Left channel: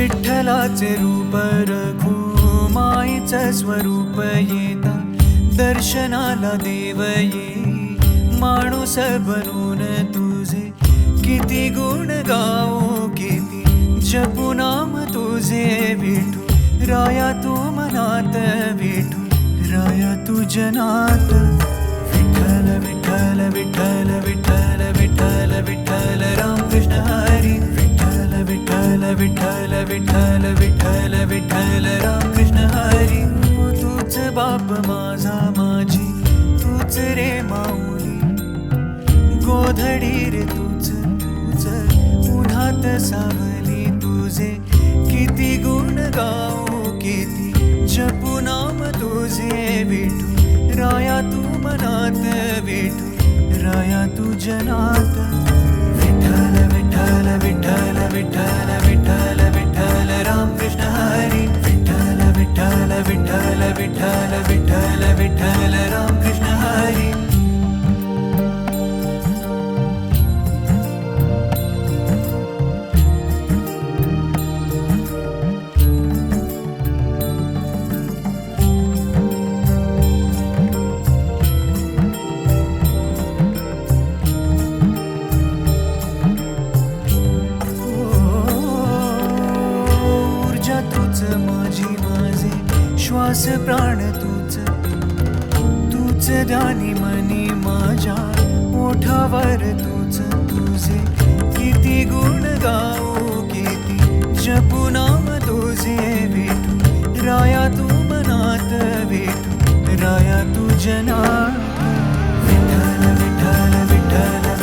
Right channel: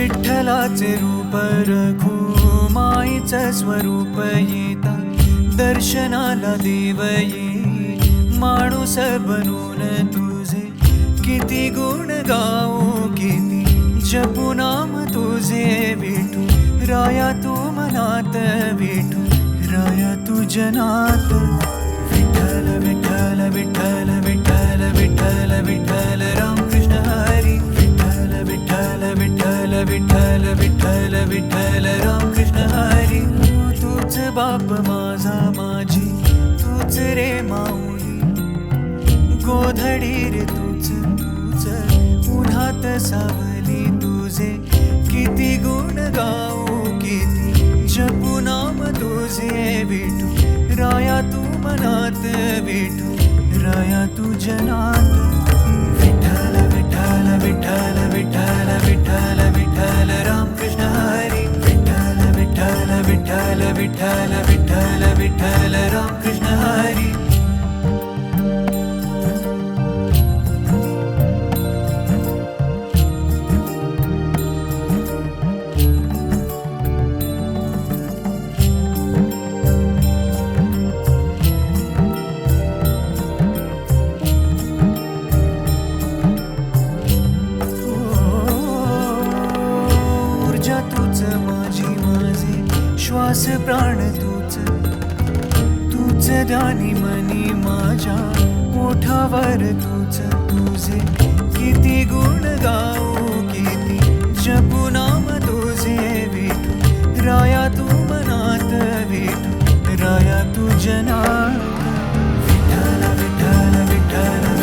विठ्ठलाचे रूप रघुमाईचं स्वरूप येता दर्शनाला देव येई माणूस बनून तुझे किती गुण गाऊ किती जपू नाम तुझे विठू राया तू मनात विठू राया तू जनात विठ्ठल विठ्ठल विठ्ठल विठ्ठल विठ्ठल विठ्ठल रामकृष्ण हरी विठ्ठल विठ्ठल विठ्ठल विठ्ठल विठ्ठल विठ्ठल रामकृष्ण हरी तूच बाप माझा माझी तूच रे माऊली गोधडी रे तूच तूच उन्हात सावली तुझे किती गुण गाऊ किती जपू नाम तुझे विठू राया तू मनात विठू राया तू जनात विठ्ठल विठ्ठल विठ्ठल विठ्ठल विठ्ठल विठ्ठल रामकृष्ण हरी विठ्ठल विठ्ठल विठ्ठल विठ्ठल विठ्ठल विठ्ठल रामकृष्ण हरी तूच माझी माझे श्वास प्राण तूच तूच ध्यानी मनी माझ्या ओठावर तूच तुझे किती गुण गाऊ किती जपू नाम तुझे विठू राया तू मनात विठू राया तू जनात विठ्ठल विठ्ठल विठ्ठल